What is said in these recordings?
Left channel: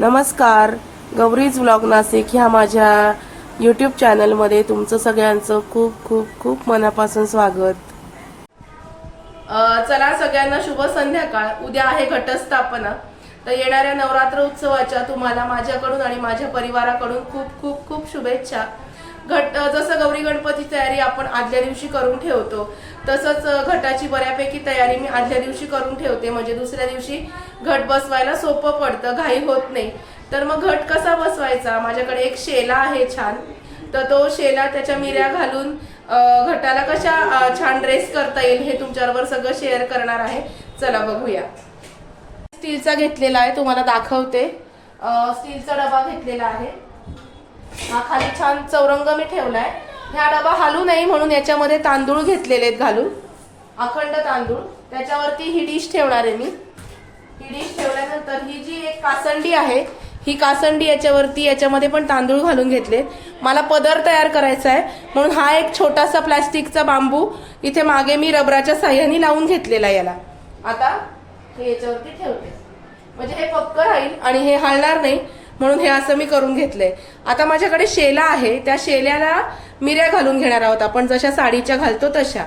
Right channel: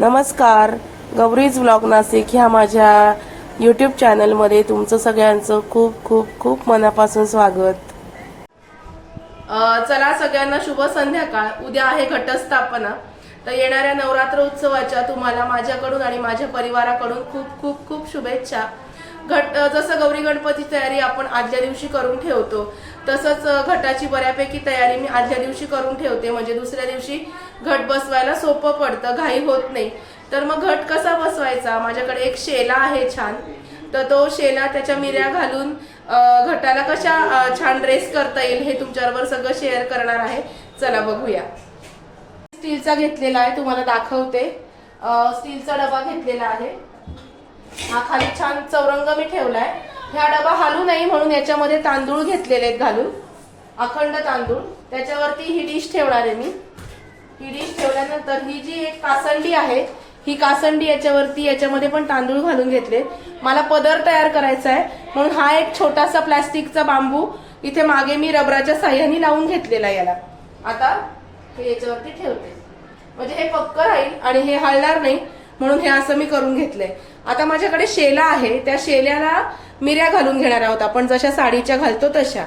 नमस्कार. गौरीज व्लॉग नाशिक ह्या माझ्या युट्यूब चॅनलमध्ये तुमचं सगळ्यांचं खूप खूप खूप मनापासून स्वागत. चला सगळ्यांना शुभ संध्याकाळ. उद्या आहे घटस्थापना. तर येणाऱ्या नवरात्र उत्सवाच्या तुम्हाला माझ्याकडून आणि माझ्या परिवाराकडून खूप खूप खूप शुभेच्छा. घट जसं गौरी गणपतीची तयारी आपण आदल्या दिवशी करून ठेवतो तसंच घटाची बऱ्यापैकी तयारी मी आदल्या दिवशी करून ठेवते. म्हणजे दुसऱ्या दिवशी घट बसवायला सोपं पडतं घाई होत नाही. तर मग घट कसा बसवायचा? माझ्याकडे एक शेला आहे छान. तर तो शेला त्याच्या मिऱ्या घालून घटाला कशा छान ड्रेस करता येईल हे तुमच्याबरोबर सगळं शेअर करणार आहे. चला बघूया. स्टीलचा घेतलेला आहे तुम्हाला दाखवते. स्टीलचा डबा घेतलेला आहे. हा खाली छान चौरंग मी ठेवलाय. ह्या डबा हालू नाही म्हणून याच्यामध्ये तांदूळ घेतलेले आहेत घालून. अखंड तांदूळ. त्याच्यावरती ही डिश ठेवणार आहे मी. ही डिश ठेवल्यानंतर ही जी एक कासंडी आहे ही कासंडी याच्यावरती याच्यामध्ये पण तांदूळ घालून घेतले. मला पदर तयार करायचा आहे. म्हणून हा एक छोटासा प्लास्टिकचा बांबू इथे मागे मी रबराच्या साह्याने लावून घेतलेला आहे याला. आता हे याच्यावरती ठेवते. म्हणजे हे पक्क राहील आणि हे हलणार नाही. म्हणून हे असं मी करून घेतलंय आता माझ्याकडे शेला आहे त्या शेल्याला मिऱ्या घालून घेणार आहोत आपण. जशा साडीच्या घालतो तशा.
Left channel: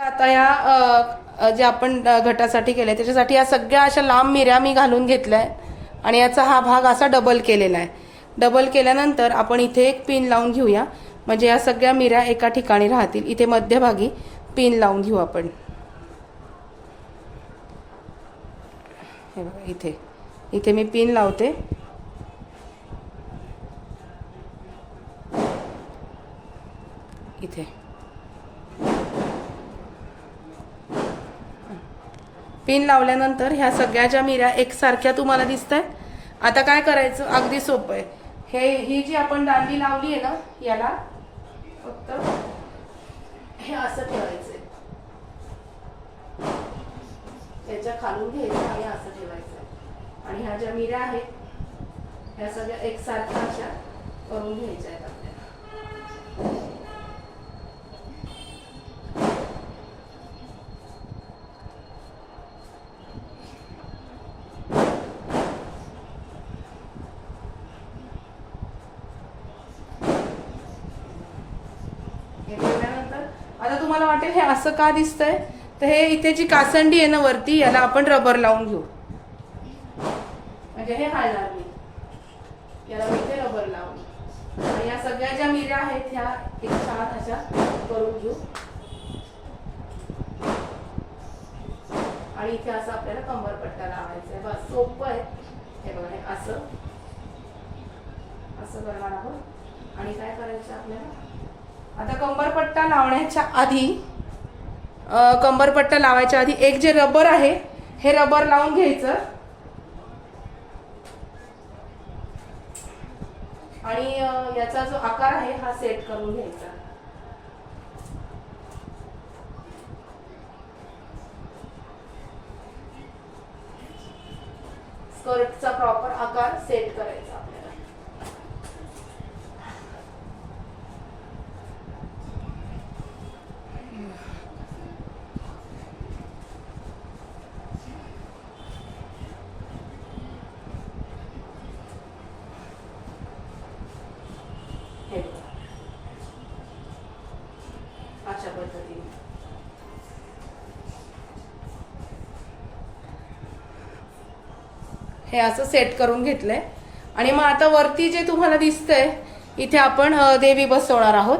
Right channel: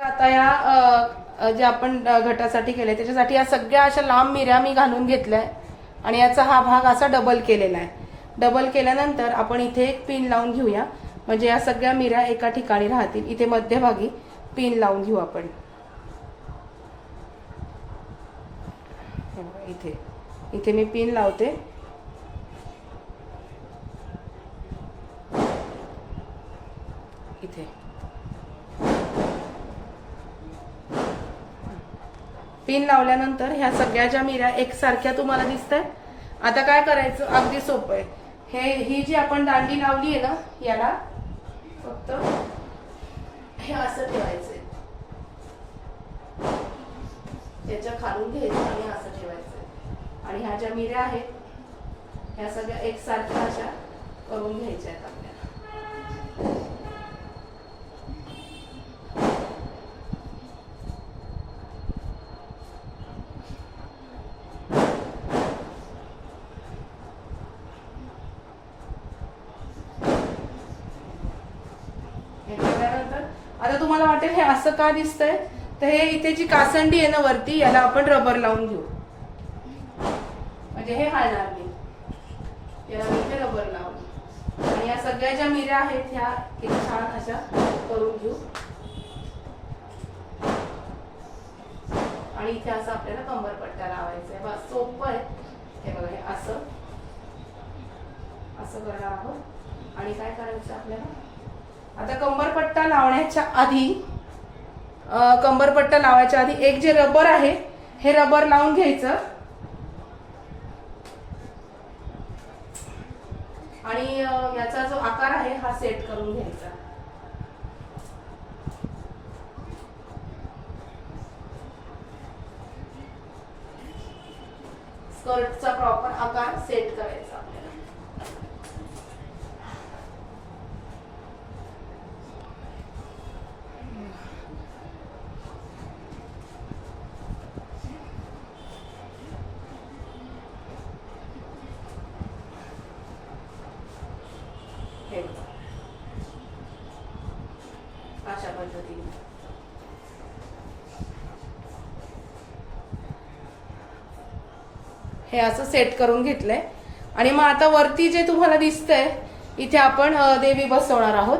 आता या जे आपण घटासाठी केलंय त्याच्यासाठी या सगळ्या अशा लांब मिऱ्या मी घालून घेतल्या आणि याचा हा भाग असा डबल केलेला आहे. डबल केल्यानंतर आपण इथे एक पिन लावून घेऊया. म्हणजे या सगळ्या मिऱ्या एका ठिकाणी राहतील. इथे मध्यभागी पिन लावून घेऊ आपण. इथे. इथे मी पिन लावते. इथे. पिन लावल्यानंतर ह्या सगळ्या ज्या मिऱ्या एकसारख्या तुम्हाला दिसत आहेत आता काय करायचं? अगदी सोपं आहे. हे ही जी आपण दांडी लावली आहे ना याला फक्त हे असं ठेवायचंय. त्याच्या खालून घ्यायचं आणि असं ठेवायचं आणि ह्या ज्या मिऱ्या आहेत ह्या सगळ्या एकसारख्या अशा करून घ्यायच्या आहेत आपल्याला हे केल्यानंतर आता तुम्हाला वाटेल हे असं का दिसतंय? तर हे इथे जी कासंडी आहे ना वरती याला आपण रबर लावून घेऊ. म्हणजे हे हलणार नाही याला इथे रबर लावू आणि या सगळ्या ज्या मिऱ्या आहेत ह्या छान अशा करून घेऊ. आणि इथे असं आपल्याला कंबरपट्टा लावायचा आहे. बस सोपं आहे. हे बघा हे असं. असं करणार आहोत. आणि काय करायचं आपल्याला? आता कंबरपट्टा लावण्याच्या आधी कंबरपट्टा लावायच्या आधी एक जे रबर आहे हे रबर लावून घ्यायचं. आणि याचा जो आकार आहे हा सेट करून घ्यायचा. स्कर्टचा प्रॉपर आकार सेट करायचा आपल्याला हे बघा. अशा पद्धतीने हे असं सेट करून घेतलंय. आणि मग आता वरती जे तुम्हाला दिसतंय इथे आपण देवी बसवणार आहोत.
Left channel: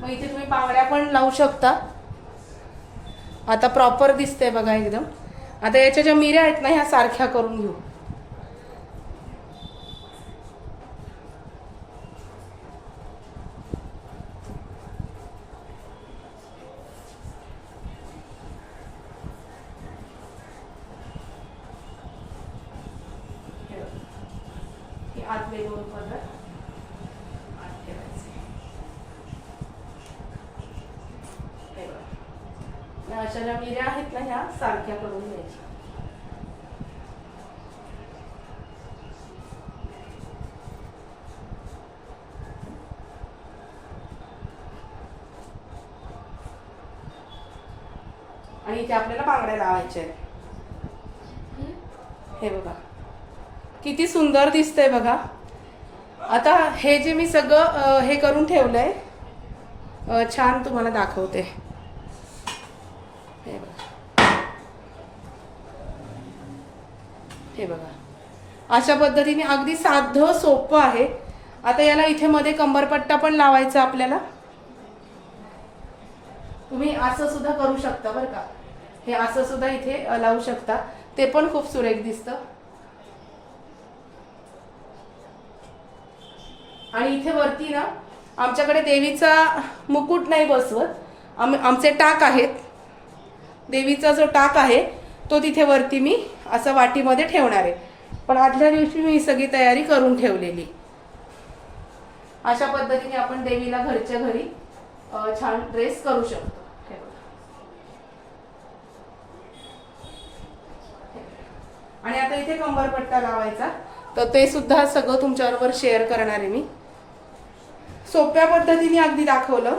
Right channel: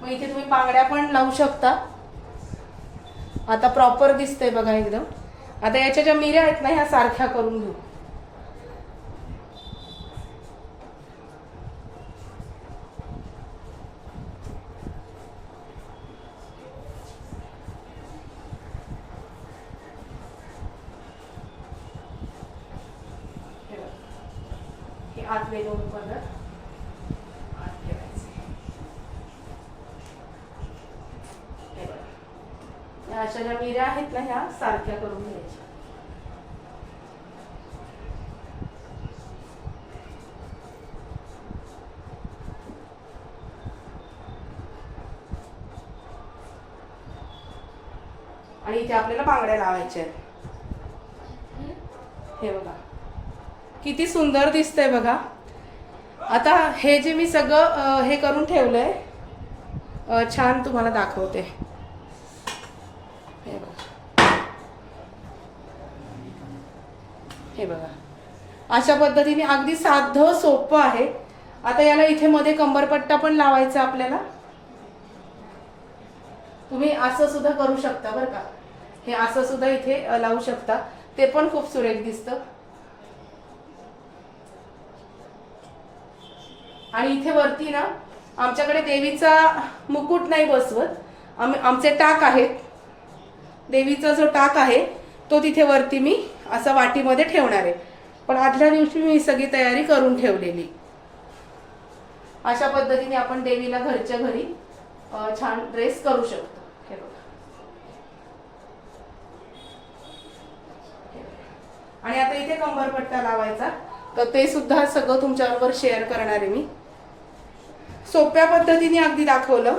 मग इथे तुम्ही बांगड्या पण लावू शकता. आता प्रॉपर दिसतंय बघा एकदम. आता याच्या ज्या मिऱ्या आहेत ना ह्या सारख्या करून घेऊ. आतले दोन कलर अशा ज्या मिऱ्या आहेत ना ह्या सारख्या करून घ्यायच्या. आणि इथे आपल्याला बांगड्या लावायच्या आहेत. हे बघा. किती सुंदर दिसतंय बघा. आता हे जे मी सगळं हे करून ठेवलंय आहे छान तुम्हाला दाखवते. हे बघा. हे बघा. अशा पद्धतीने अगदी साधं सोपं आहे. आता याला इथे मध्ये कंबरपट्टा पण लावायचा आपल्याला. तुम्ही असं सुद्धा करू शकता बरं का. हे असं सुद्धा इथे लावू शकता. ते पण खूप सुरेख दिसतं. आणि इथे वरती ना आमच्याकडे देवीचा मुकुट नाही बसवत. आम्ही आमचे टाक आहेत. देवीचा जो टाक आहे तो तिथे वरती मी असं वाटीमध्ये ठेवणार आहे. पण आदल्या दिवशी मी सगळी तयारी करून ठेवलेली. अशा पद्धतीने आपण देवीला घरच्या घरी छान ड्रेस करू शकतो. आणि आता इथे कंबरपट्टा लावायचा. तर ते सुद्धा सगळं तुमच्याबरोबर शेअर करणार आहे मी. सोप्या पद्धतीने अगदी दाखवलं.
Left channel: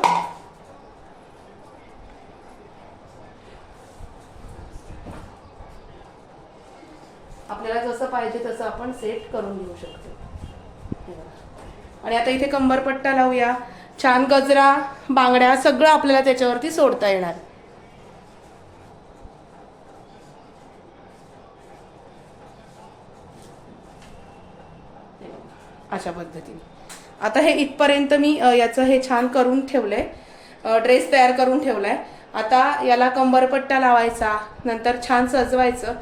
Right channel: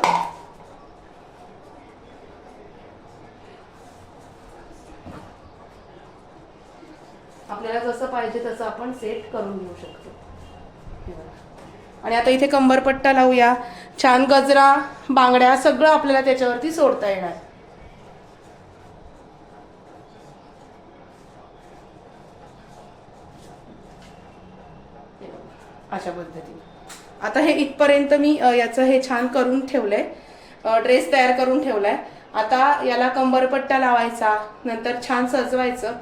आपल्याला जसं पाहिजे तसं आपण सेट करून घेऊ शकतो. आणि आता इथे कंबरपट्टा लावूया. छान गजरा बांगड्या सगळं आपल्याला त्याच्यावरती सोडता येणार. अशा पद्धतीने. आता हे इथपर्यंत मी याचं हे छान करून ठेवलंय. ड्रेस तयार करून ठेवलाय. आता याला कंबरपट्टा लावायचा नंतर छान सजवायचं.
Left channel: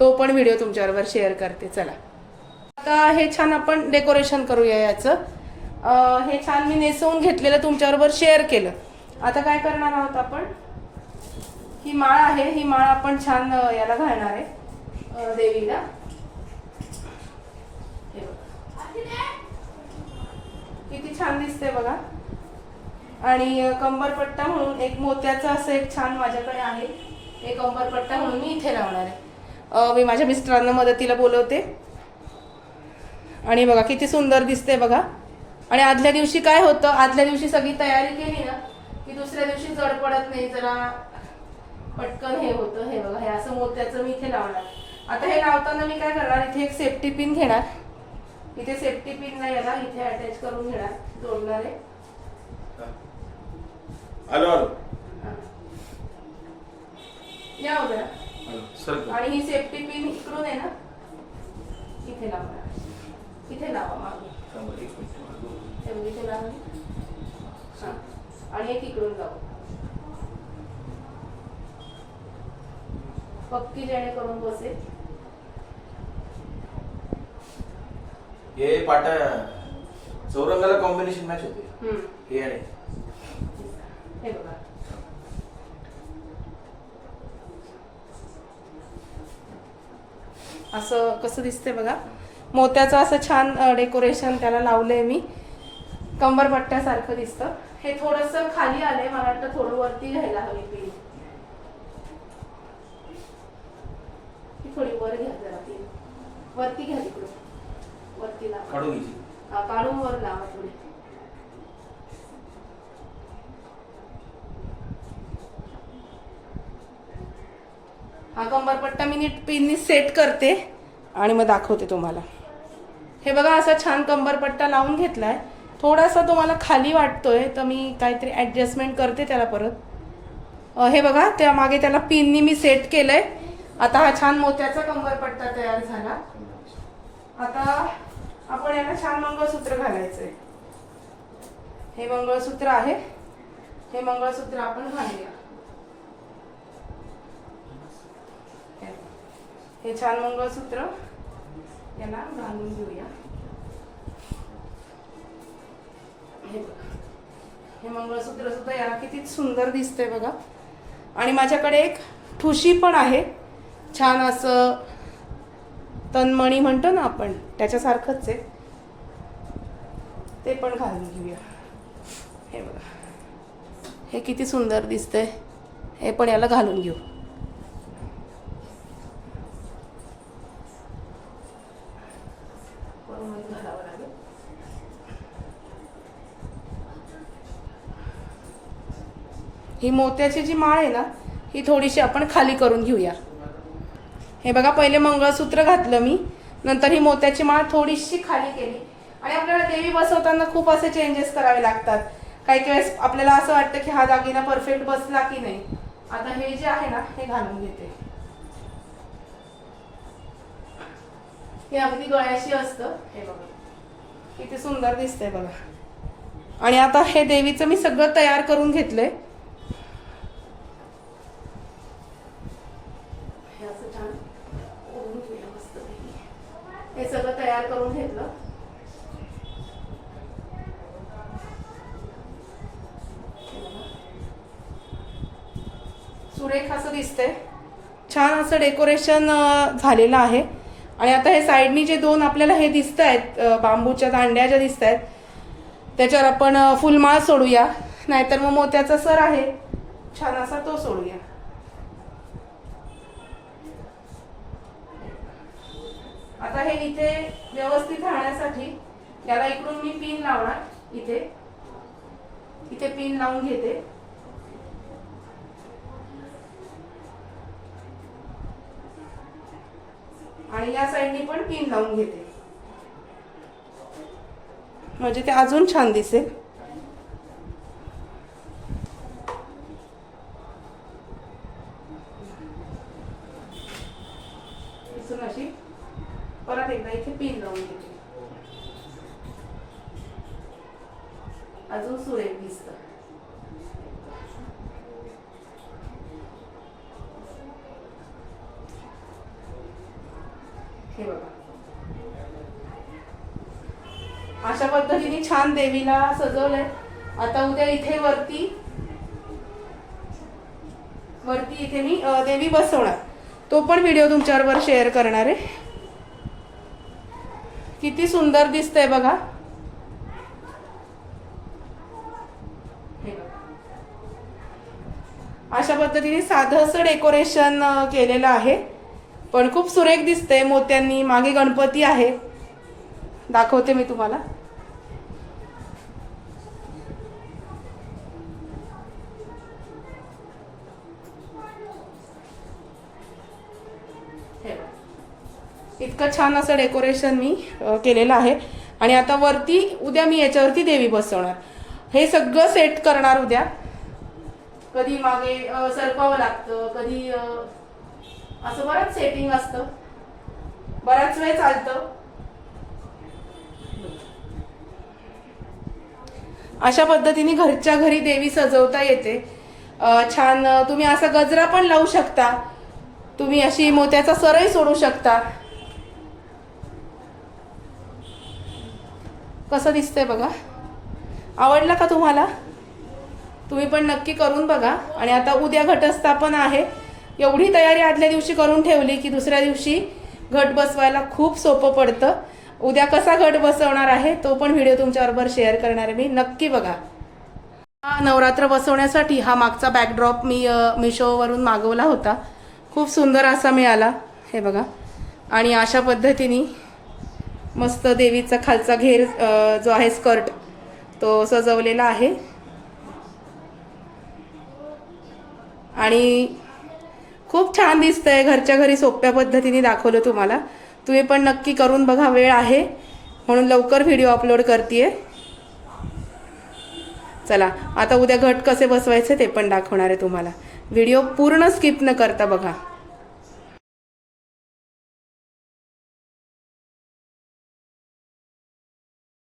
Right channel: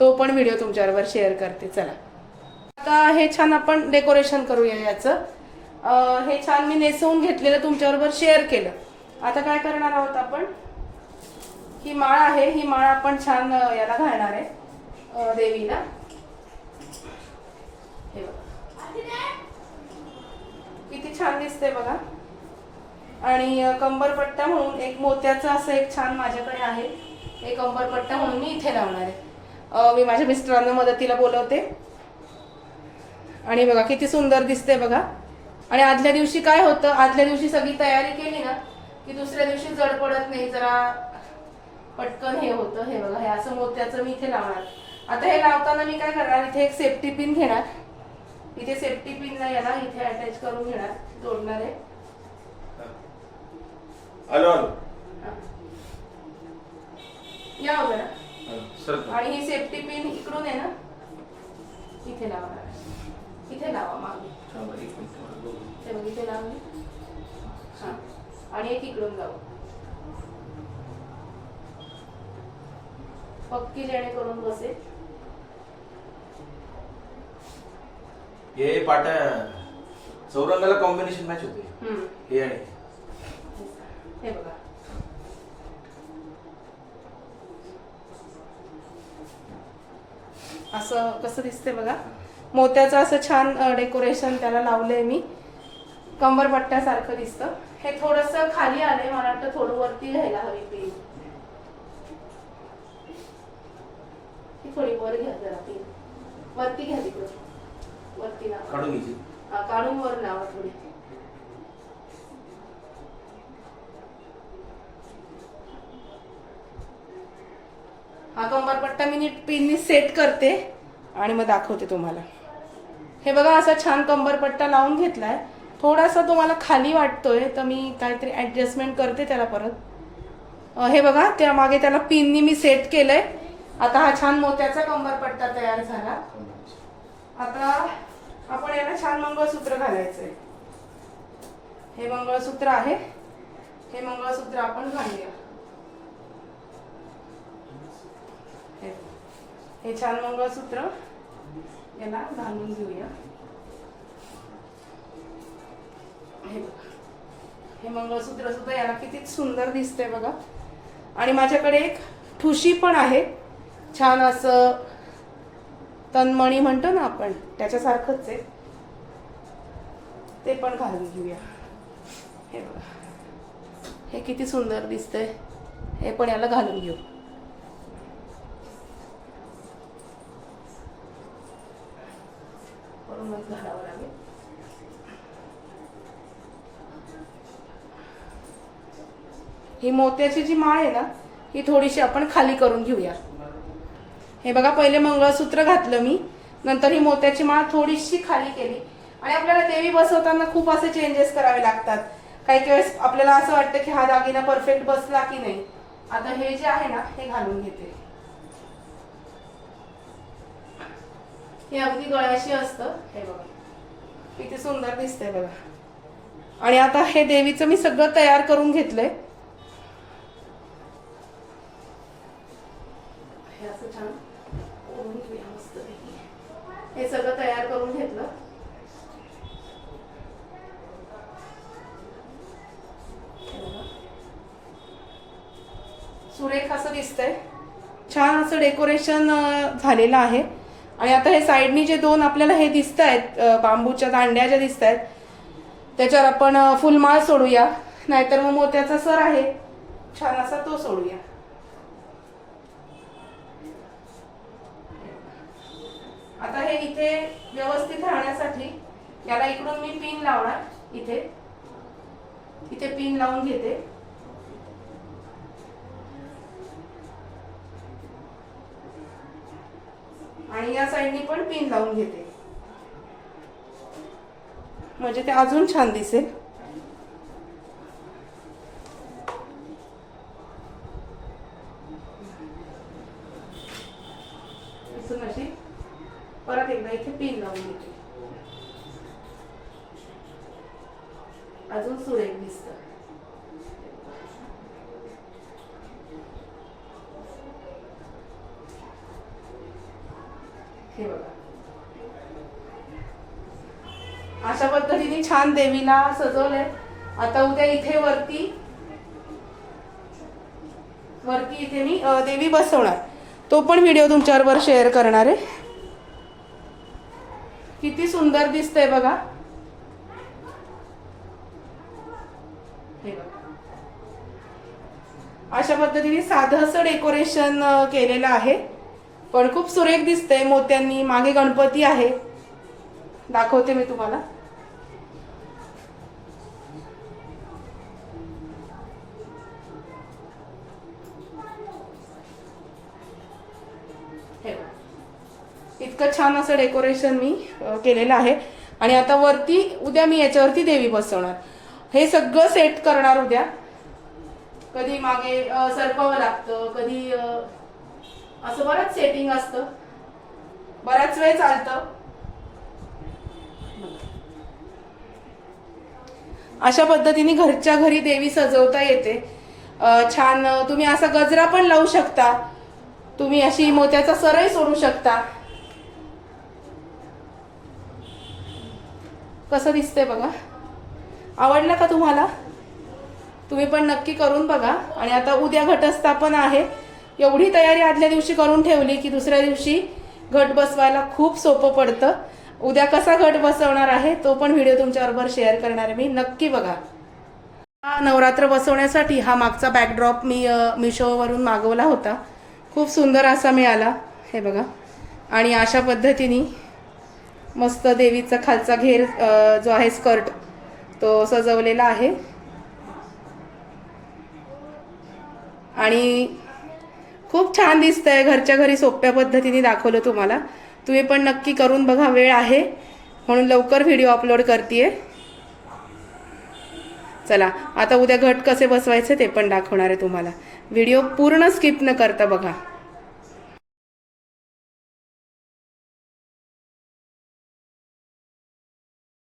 तो पण व्हिडिओ तुमच्याबरोबर शेअर करते. चला. आता हे छान आपण डेकोरेशन करूया याचं. हे छान मी नेसवून घेतलेलं तुमच्याबरोबर शेअर केलं. आता काय करणार आहोत आपण? ही माळ आहे. ही माळ आपण छान याला घालणार आहे देवीला. हे बघा. किती छान दिसते बघा. आणि कंबरपट्टा म्हणून एक मोत्याचं असं एक छान माझ्याकडे आहे. एक कंबरपट्टा म्हणून मी इथे लावणार आहे. मी माझ्या मिस्टरांना मदतीला बोलवते. आणि बघा किती सुंदर दिसते बघा. आणि आदल्या दिवशी काय होतं? आदल्या दिवशी सगळी तयारी केली ना की दुसऱ्या दिवशी जड पडत नाही जरा पटकन हे होतं. हे बघा हे असं मोत्याचं मी इथे लावणार. आता हे लावताना मी काय करणार? इथे एक सेफ्टी पिन घेणार. इथे सेफ्टी पिन याला इथे अटॅच करून घेणार जोडणार. आहे आलो आलो. या हो जरा. आलो. आणि ही सेफ्टी पिन इकडून आहे ना इथे लावणार इथे लावा मागे. इथे लावली हा. आणि एक इकडून लावू. पक्की जेणेकरून बसेल. हे पाटा चौरंगाला कॉम्बिनेशन मॅच होते. हम्म. हे आणि. हे बघा. असं कसं दिसते बघा. मोत्याचं असं छान डेकोरेशन त्याला लावलंय मी. कंबरपट्ट्यासारखं दिसतं. हे थोडस खाली आलंय मला वाटतं थोडं वरती घ्यायला हवी ती. थोडी वर घ्या जरा पिन वरती घ्या तिकडून वरती लावा. काढून घ्यायची हा काढून वर लावा थोडी हा कंबरपट्टा मी नीट पिननी सेट करते आणि मग दाखवते तुम्हाला. हे बघा असा छान कंबरपट्टा लावून घेतलाय. थोडासा तुम्हाला खाली वाटतोय तर मी काहीतरी ऍडजस्टमेंट करते त्याला परत. अ, हे बघा त्या मागे त्याला पिननी मी सेट केलंय. आता हा छान मोत्याचा कंबरपट्टा तयार झाला. आता आपण याला छान मंगळसूत्र घालायचंय. हे मंगळसूत्र आहे. हे मंगळसूत्र आपण घालूया. हे- हे छान मंगळसूत्र याला घालून घेऊया हे हे मंगळसूत्र सुद्धा याला किती सुंदर दिसतंय बघा. आणि माझ्याकडे एक ठुशी पण आहे. छान असं तन्मणी म्हणतो ना आपण त्याच्यासारखंच आहे. ते पण घालून घेऊया. हे बघा. हे किती सुंदर दिसतंय. हे पण याला घालून घेऊ. घालावं लागेल ही मोत्याची जी माळ आहे ना ही थोडीशी आपण खाली करून घेऊया. हे बघा पहिले मंगळसूत्र घातलं मी. नंतर ही मोत्याची माळ थोडीशी खाली केली. आणि आपल्याला देवी बसवताना खूप असे चेंजेस करावे लागतात. काही काही वेळेस आपल्याला असं वाटतं की हा दागिना परफेक्ट बसला की नाही. आता हे जे आहे ना हे घालून घेते. हे अगदी गळ्याशी असतं. हे बघा. किती सुंदर दिसतंय बघा. आणि आता हे देवीचं मी सगळं तयार करून घेतलंय. हे सगळं तयार करून घेतलं. सुरेख असं दिसतंय. छान असं डेकोरेशन झालेलं आहे. आणि आता हे साईडनी जे दोन आपल्याला हे दिसत आहेत बांबूच्या दांड्या ज्या दिसत आहेत त्याच्यावर आपण फुलमाळ सोडूया. नाहीतर मग मोत्याचा सर आहे. छान असा तो सोडूया. हे इथे व्यवस्थित राहण्यासाठी. याला इकडून मी पिन लावणार. इथे. इथे पिन लावून घेते. आणि या साईडनी पण पिन लावून घेते. म्हणजे ते अजून छान दिसेल. अशी. परत इथे पिन लावून घेते अजून सुरेख दिसत. हे बघा. अशा पद्धतीने छान देवीला सजवले आता उद्या इथे वरती वरती इथे मी देवी बसवणार. तो पण व्हिडिओ तुमच्याबरोबर शेअर करणार आहे. किती सुंदर दिसतंय बघा. बघा. अशा पद्धतीने साधंसं डेकोरेशन केलेलं आहे. पण खूप सुरेख दिसतंय मोत्यांनी. मागे गणपती आहे. दाखवते मी तुम्हाला. इतकं छान असं डेकोरेशन मी केलेलं आहे. आणि आता वरती उद्या मी याच्यावरती देवी बसवणार. हे सगळं सेट करणार उद्या. कधी मागे सरपावं लागतं कधी असं बरंच सेटिंग असतं. बराच वेळ चालतं. अशा पद्धतीने घरच्या घरी देवी सजवता येते. छान तुम्ही असा गजरा पण लावू शकता. तुम्ही अशी मोत्याचा सरही सोडू शकता. कसं दिसतंय बघा. आवडलं का तुम्हाला? तुम्ही पण नक्की करून बघा. आणि आता उद्या घटस्थापन आहे. एवढी तयारी आदल्या दिवशी करून ठेवली की दुसऱ्या दिवशी घट बसवायला खूप सोपं पडतं. उद्या कसा घट बसवणार आहे तो पण व्हिडिओ तुमच्याबरोबर शेअर करणार आहे मी. नक्की बघा. हा नवरात्र बसवण्यासाठी हा मागचा बॅकड्रॉप मी मिशोवरून मागवला होता. खूप सुंदर असा मिळाला. हे बघा. आणि अशा पद्धतीने मस्त देवीचा खालचा घेर जो आहे स्कर्ट तो सजवलेला आहे. आणि खूप छान दिसतंय घरच्या घरी सोप्या पद्धतीने दाखवलं तुम्हाला. तुम्ही पण नक्की करून बघा वेळ आहे. म्हणून लवकर व्हिडिओ अपलोड करते चला आता उद्या घट कसे बसवायचे ते पण दाखवणार आहे तुम्हाला. व्हिडिओ पूर्ण स्किप न करता बघा.